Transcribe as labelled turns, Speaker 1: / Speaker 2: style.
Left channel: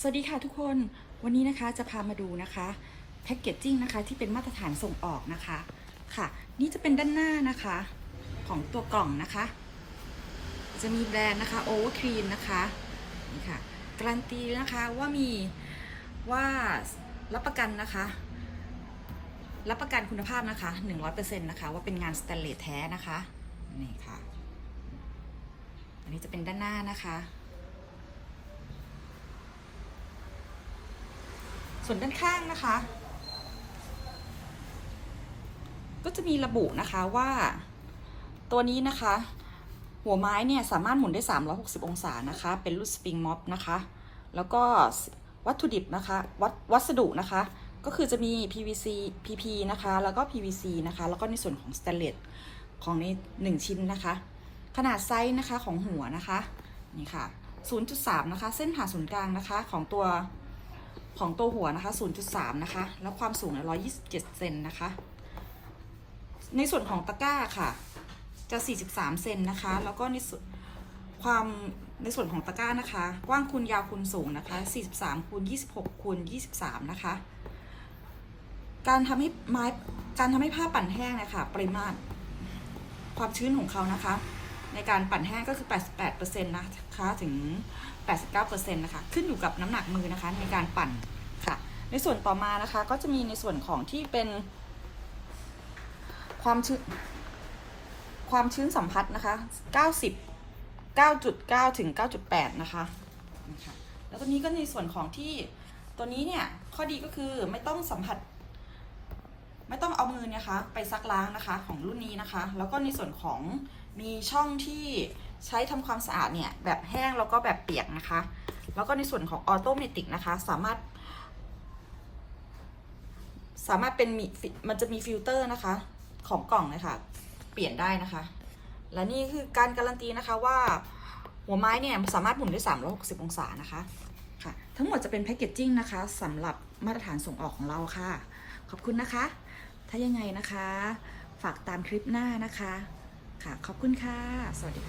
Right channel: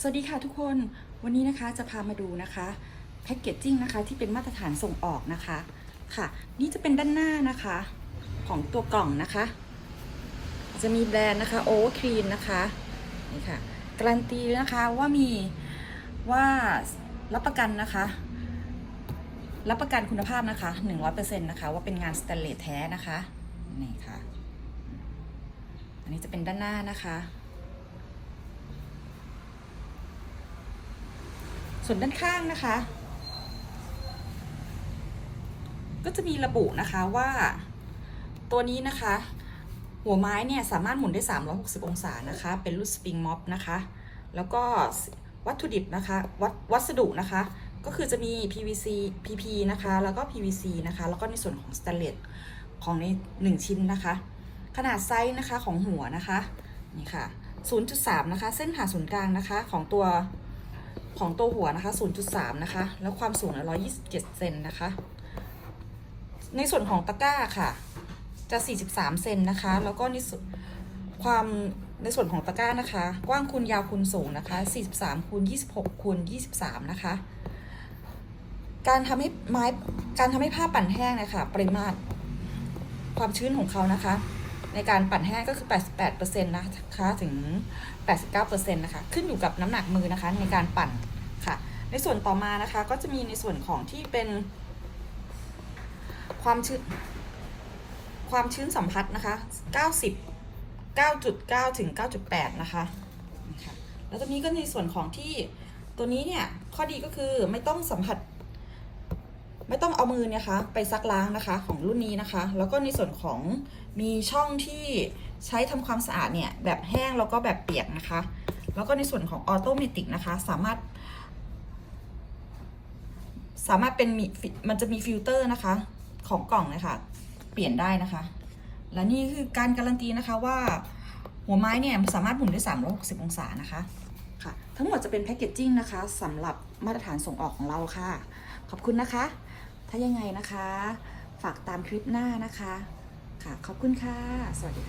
Speaker 1: สวัสดีค่ะทุกคนวันนี้นะคะจะพามาดูนะคะแพ็กเกจจิ้งนะคะที่เป็นมาตรฐานส่งออกนะคะค่ะ นี่จะเป็นด้านหน้านะคะของตัวกล่องนะคะ จะมีแบรนด์นะคะโอเวอร์ครีนนะคะนี่ค่ะการันตีนะคะว่ามีว่ารับประกันนะคะ รับประกันคุณภาพนะคะ100%นะคะว่าเป็นงานสแตนเลสแท้นะคะนี่ค่ะ อันนี้จะเป็นด้านหน้านะคะ ส่วนด้านข้างนะคะ ก็จะมีระบุนะคะว่าตัวนี้นะคะ หัวไม้เนี่ยสามารถหมุนได้ 360 องศานะคะ เป็นรุ่นสปริงม็อบนะคะ แล้วก็วัตถุดิบนะคะวัวัสดุนะคะ ก็คือจะมี PVC PP นะคะ แล้วก็ PVC นะคะ แล้วก็ในส่วนของสแตนเลสของใน 1 ชิ้นนะคะ ขนาดไซส์นะคะของหัวนะคะ นี่ค่ะ 0.3 นะคะ เส้นผ่าศูนย์กลางนะคะของตัว ของตัวหัวนะคะ 0.3 นะคะ แล้วความสูงเนี่ย127 เซนนะคะ ในส่วนของตะกร้าค่ะ จะ 43 เซนนะคะ แล้วก็ในส่วนความในส่วนของตะกร้านะคะ กว้างคูณยาวคูณสูงนะคะ 43คูณ26คูณ23 นะคะ การทำให้ไม้การทำให้ผ้าปั่นแห้งนะคะ ปริมาตรความชื้นของเขานะคะ ในการปั่นแห้งก็คือ 88%นะคะถึง 89%นะคะขึ้นอยู่กับน้ำหนักมือนะคะในการปั่นค่ะ ในส่วนต่อมานะคะก็จะมีในส่วนของที่เป็นความชื้นความชื้นสัมผัสนะคะ 90 9.9 ถึง 9.8 นะคะนี่ค่ะแล้วตรงนี้ก็ในส่วนของที่ตัวนี้เนี่ย ข้อดีก็คือไม่ต้องสัมผัส ไม่ต้องเอามือเนยคะ ไปซักล้างนะคะของรุ่นนี้นะคะ แล้วก็ในส่วนของมีช่องที่ใช้ทำความสะอาดเนี่ยแบบแห้งแล้วก็แบบเปียกนะคะ แล้วก็ในส่วนของออโตเมติกนะคะ สามารถ สามารถเป็นมีมันจะมีฟิลเตอร์นะคะ ของกล่องนะคะ เปลี่ยนได้นะคะ และนี่คือการการันตีนะคะว่าหัวไม้เนี่ยสามารถหมุนได้ 360 องศานะคะค่ะ ทั้งหมดจะเป็นแพคเกจจิ้งนะคะสำหรับมาตรฐานส่งออกของเราค่ะ ขอบคุณนะคะ ยังไงนะคะ ฝากตามคลิปหน้านะคะ ค่ะ ขอบคุณค่ะ สวัสดี